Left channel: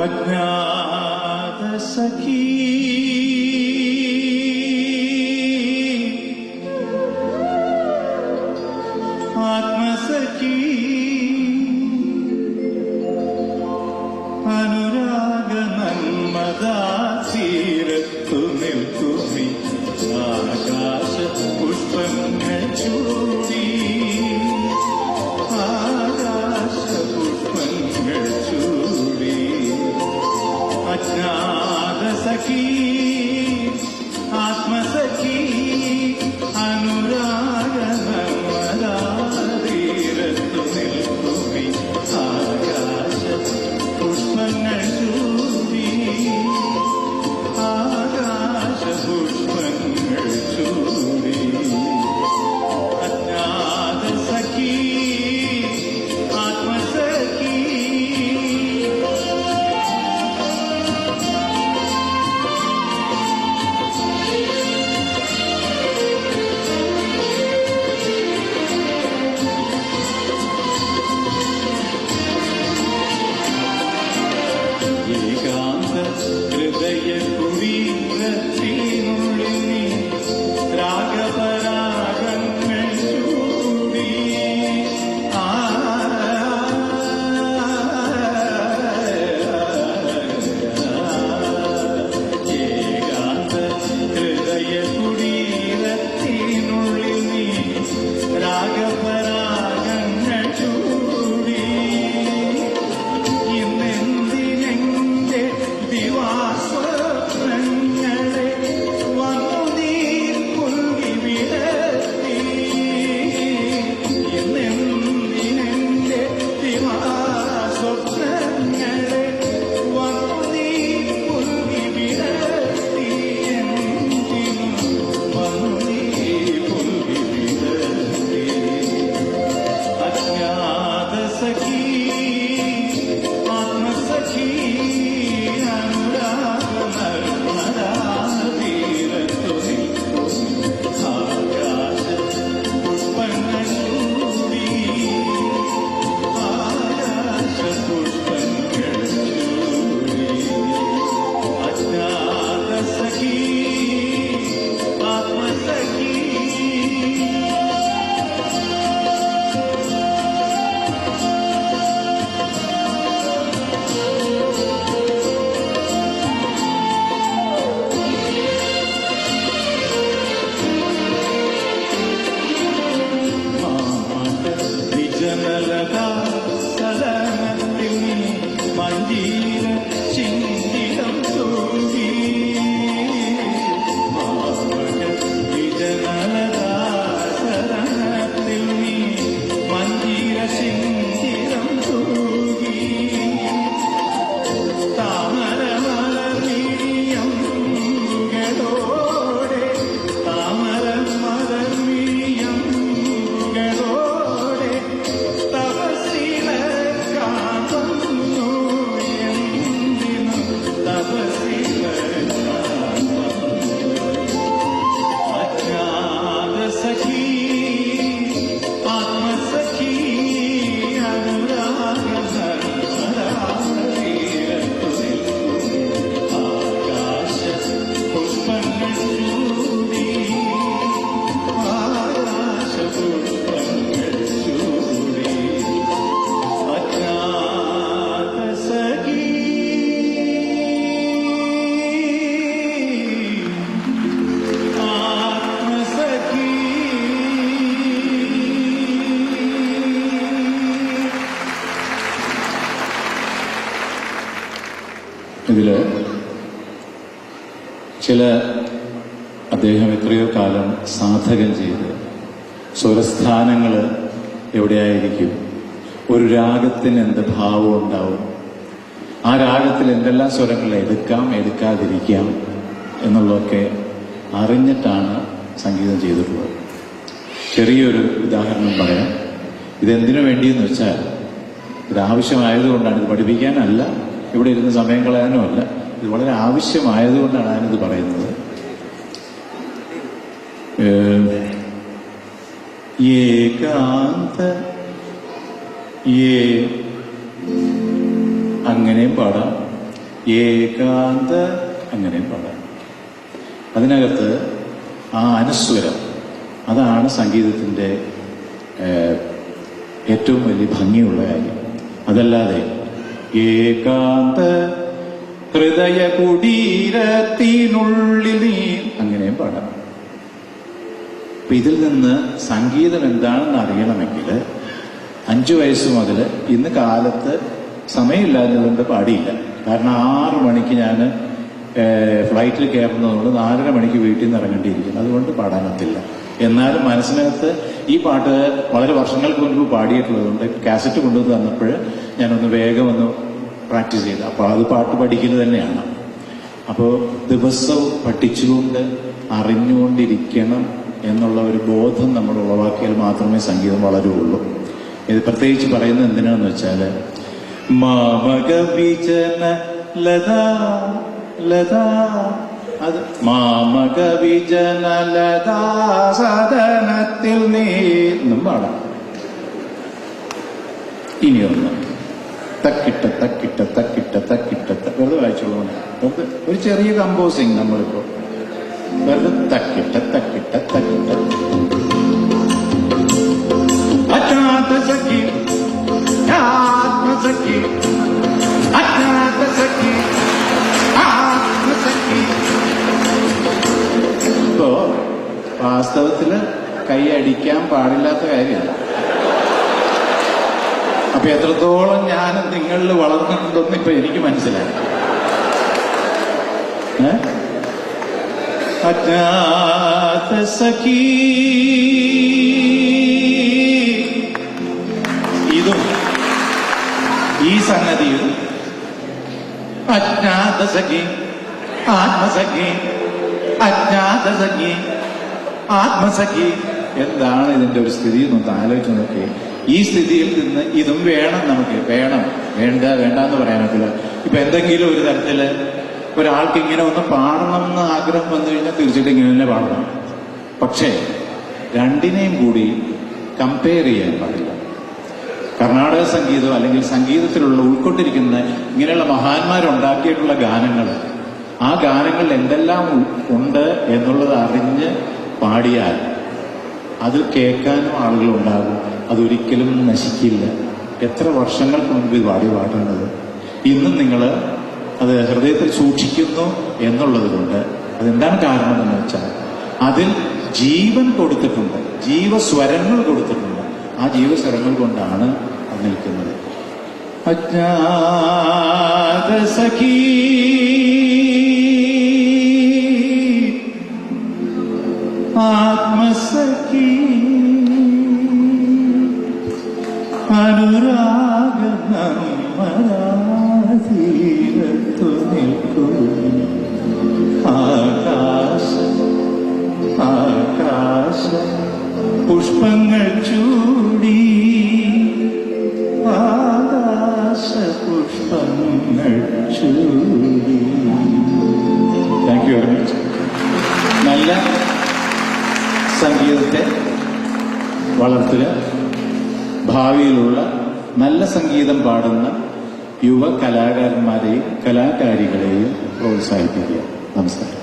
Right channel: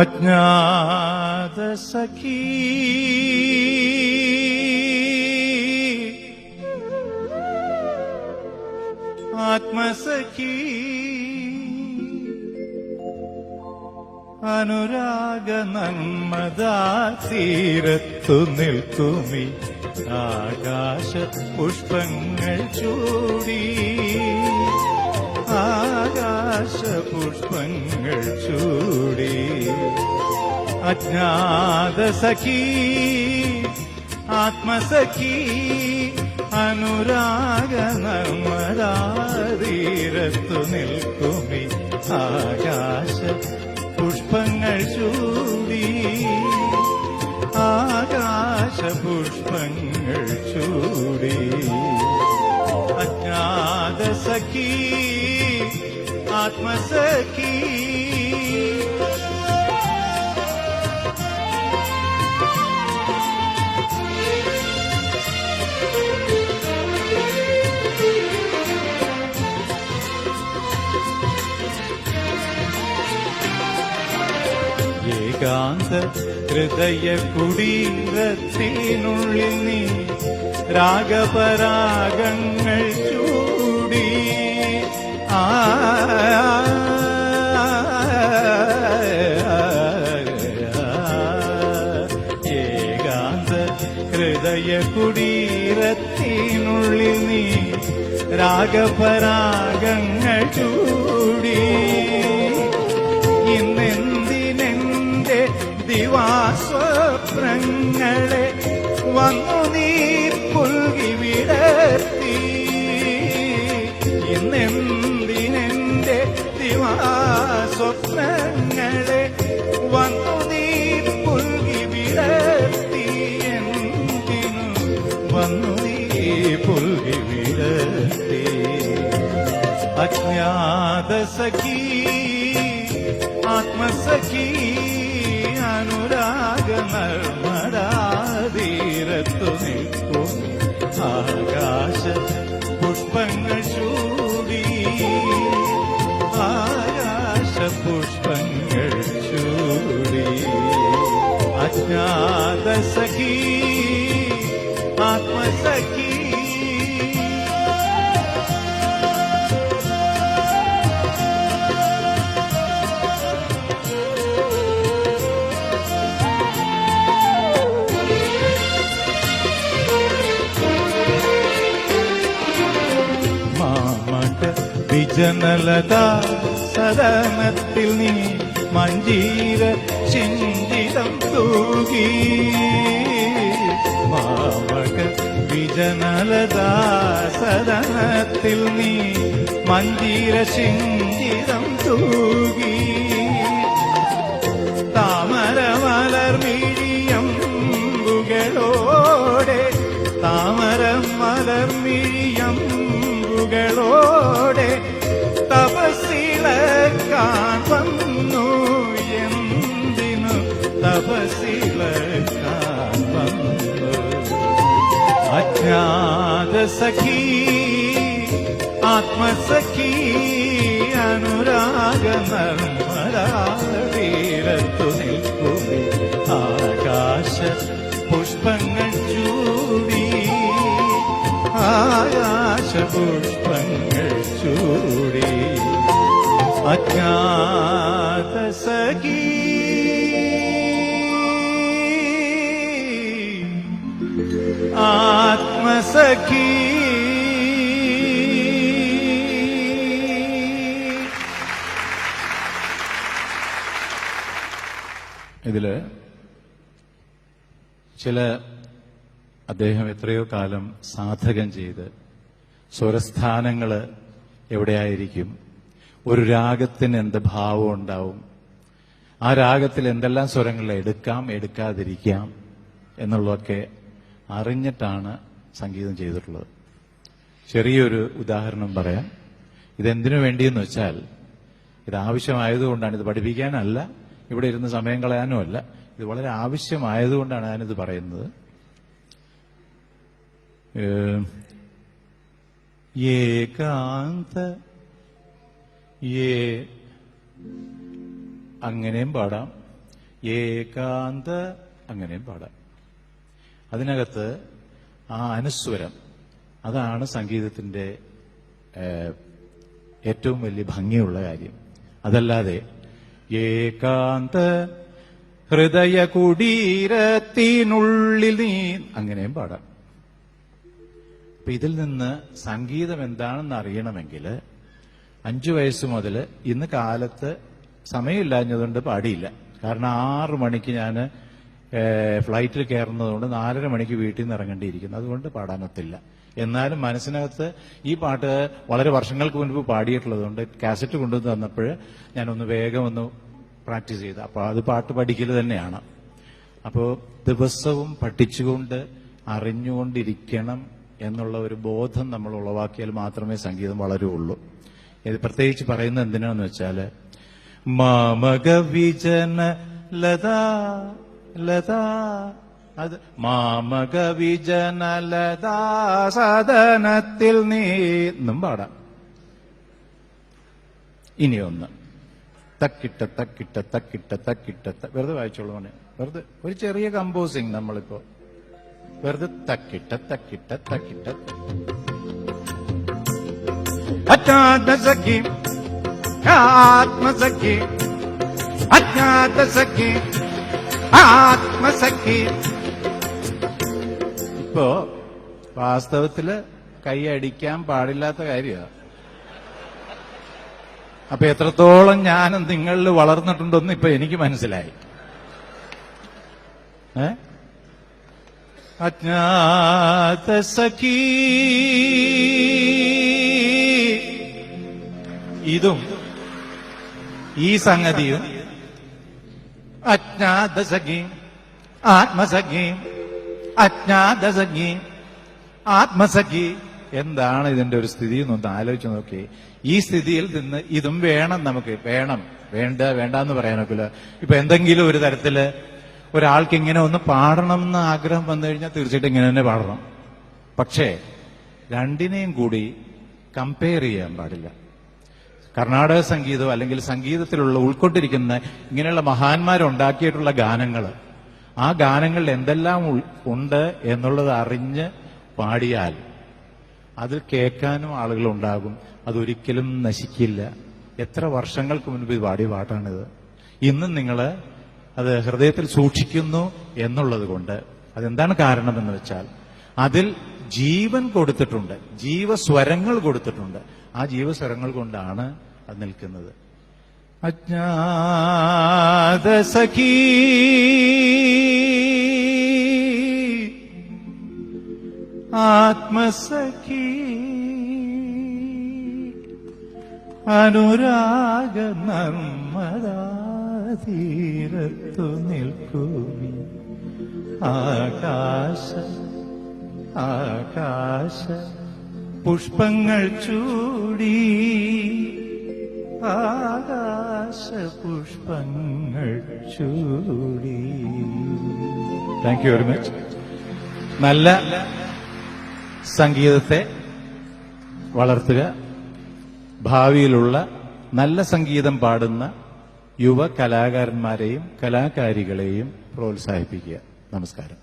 അജ്ഞാത സഖീ ആത്മസഖീ അനുരാഗ നന്മദാ തീരത്തു നിൽക്കുമി ആകാശ പുഷ്പങ്ങൾ ചൂടി अज्ञात सखी आत्मसखी अनुराग नमदार तीरतु मिल्कुमि आया കുടീരത്തിനുള്ളിൽ നീ രാഗപരാഗങ്ങൾ ചൂടി ആ ഏകാന്ത ഹൃദയ കുടീരത്തിനുള്ളിൽ നീ രാഗപരാഗങ്ങൾ അജ്ഞാത സദനത്തിൽ നീ മഞ്ചീര അജ്ഞാത സഖീ ഇതിൽ ചില അദ്ദേഹം എത്രയോ കാലം സാധകം ചെയ്ത് സ്വരസ്ഥാനങ്ങൾ എവിടെയായിരിക്കും? ഒരു രാഗത്തിന് എന്ത് ഭാവം ഉണ്ടാവും? ആ രാഗത്തിൽ എന്തെല്ലാം സ്വരങ്ങൾ എടുക്കാം എടുക്കാതിരിക്കാം എന്നുള്ളതൊക്കെ അറിഞ്ഞിട്ടാണ് സംഗീതം ചെയ്തിട്ടുള്ളത്. ചെറിയൊരു ഉദാഹരണം പറയാം. ഇതെന്തിനു വേണ്ടിയെന്ന് വെച്ചാൽ ഇത് ആവശ്യമായതുകൊണ്ടാണ് പഠിപ്പിക്കാനല്ല. ഇവിടെ ഇരുന്ന് സമയം കളയാനുമല്ല. ഇത് വളരെ ആവശ്യമായതുകൊണ്ടാണ് ഞാനിത് പറയുന്നത്. ഏകാന്ത ഏ അങ്ങനെയും പാടാം. ഏകാന്ത അങ്ങനെയും പാടാം. അതിനകത്ത് ആ അനുസ്വരം അതാണ് സംഗീതത്തിന്റെ ഏറ്റവും വലിയ ഭംഗിയുള്ള കാര്യം. അതല്ലാതെ ഏകാന്ത ഹൃദയ കുടീരത്തിനുള്ളിൽ നീ. അങ്ങനെ പാടാം. ഇതിൽ നിന്ന് സംഗീതം എന്താണെന്ന് അറിയണമെങ്കിൽ അഞ്ചു വയസ്സ് മുതൽ ഇന്ന് കാലത്ത് സമയമില്ലാത്തതുകൊണ്ട് പാടിയില്ല. കാരണം ആറു മണിക്ക് ഞാൻ ഫ്ലൈറ്റിൽ കയറുന്നതുകൊണ്ട് നാലര മണിക്ക് വീട്ടിൽ നിന്ന് ഇറങ്ങേണ്ടിയിരിക്കും അതുകൊണ്ട് പാടാനത്തില്ല. എന്നാലും മനസ്സിനകത്ത് ഈ പാട്ട് വളരെ വർഷങ്ങൾക്ക് മുൻപ് പാടിയിട്ടുള്ളതുകൊണ്ട് കാസറ്റ് കൊണ്ടുവന്ന് തന്നപ്പോൾ ഞാനൊന്ന് വേഗം ഒന്ന് പ്രാക്ടീസ് ചെയ്ത്. അപ്പോൾ അത് പാട്ട് പഠിക്കൽ തന്നെയാണ്. അപ്പോൾ ദിവസവും പഠിച്ചുകൊണ്ട് അറിഞ്ഞുകൊണ്ടിരിക്കണം എന്നുള്ള ഒരു ബോധം നമ്മൾ ഉളവാക്കിയാൽ മാത്രമേ സംഗീതം വളരുള്ളൂ. ഇത് പ്രത്യേകിച്ച് പറയുന്നത് എന്തിനാണെന്ന് വെച്ചാൽ മാമക വിജന ലതാ ലതാ അത് മാമകവിജന ലതാ സദനത്തിൽ നീ എന്നും പാടാം. ഇനിയൊന്ന് തക്കിട്ട തക്കിട്ട തക്കിട്ട തക്കിട്ട വെറുതെ വായിച്ചോളൂ വെറുതെ ഒരു ചെറിയ കമ്പോസിങ് നമ്മളിപ്പോ. വെറുതെ തക്കിട്ട തക്കിട്ട തക്കിട്ട. അജ്ഞാത സഖി ആത്മസഖി. അജ്ഞാത സഖി ആത്മസഖി. ഇപ്പോ വാസ്തവത്തിൽ കൈ അടിക്കാൻ പാടില്ലാത്ത കാര്യമല്ല അപ്പൊ എത്രത്തോളം ഞാൻ നിങ്ങളിൽ വളർന്നിട്ടുണ്ടെന്ന് ഇപ്പൊ എനിക്ക് മനസ്സിലായി. അജ്ഞാത സഖി. ഇതും ഈ സംഗതിയും അജ്ഞാത സഖി ആത്മസഖി അജ്ഞാത സഖി ആത്മസഖി. എന്താണ് ഇതിന്റെ ഒരു സ്ഥിതി എന്നൊന്ന് ആലോചിച്ച് നോക്കി ഈ സ്ഥിതിയിൽ നിന്ന് ഇതും വേണം നമുക്ക്. വേണം. വേണ്ട വേണ്ട എന്ന് പറയാനൊക്കില്ല. ഇപ്പൊ എന്തെങ്കിലും ഒരു തരത്തിൽ ഒരാൾക്ക് ഇങ്ങനെ ഒന്ന് പാടണം എന്ന് ആഗ്രഹം വന്നു കഴിഞ്ഞാൽ തീർച്ചയായിട്ടും ഇങ്ങനെ തന്നെ പാടണം. പക്ഷേ രണ്ടിനെയും കൂടി കമ്പയർ ചെയ്യാൻ പാടില്ല. കർണാടക സംഗീതം അല്ലെങ്കിൽ സംഗീതത്തിലുള്ള ഉൾക്കൊണ്ടിരിക്കുന്ന ഇങ്ങനെയുള്ള മഹാന്മാരുണ്ടാക്കിയിട്ടുള്ള ഗാനങ്ങൾ ആ ഗാനങ്ങൾ എന്തെല്ലാം ഉണ്ട് എന്നുള്ളത് അറിഞ്ഞ് പാടിയാൽ അത് കേൾക്കാനും ആളുകൾ ഉണ്ടാകും. അതൊരിക്കലും നശിക്കില്ല. എത്ര വർഷങ്ങൾ ഈ പാടി പാടുന്നത് ഇന്നും നിങ്ങൾ അത് ഹൃദയത്തിൽ സൂക്ഷിക്കുന്നു എന്നുള്ളത് കൊണ്ട് അതെന്താണ് കാരണം എന്ന് വെച്ചാൽ അതിൽ ജീവൻ കൊടുത്തിട്ടുണ്ട്. ജീവസ്വരങ്ങൾ കൊടുത്തിട്ടുണ്ട്. ആ ജീവസ്വരങ്ങൾ കൊണ്ടാണ് അത് നിൽക്കുന്നത്. ആത്മസഖീ. അനുരാഗമീരത്തു നിൽക്കും ആകാശ ഭാവിയിലുള്ള നല്ല സംഗീതം പാടുന്ന യുവ കലാകാരന്മാരെയും കലാകാരികളെയും പ്രോത്സാഹിപ്പിക്കുക. നമസ്കാരം.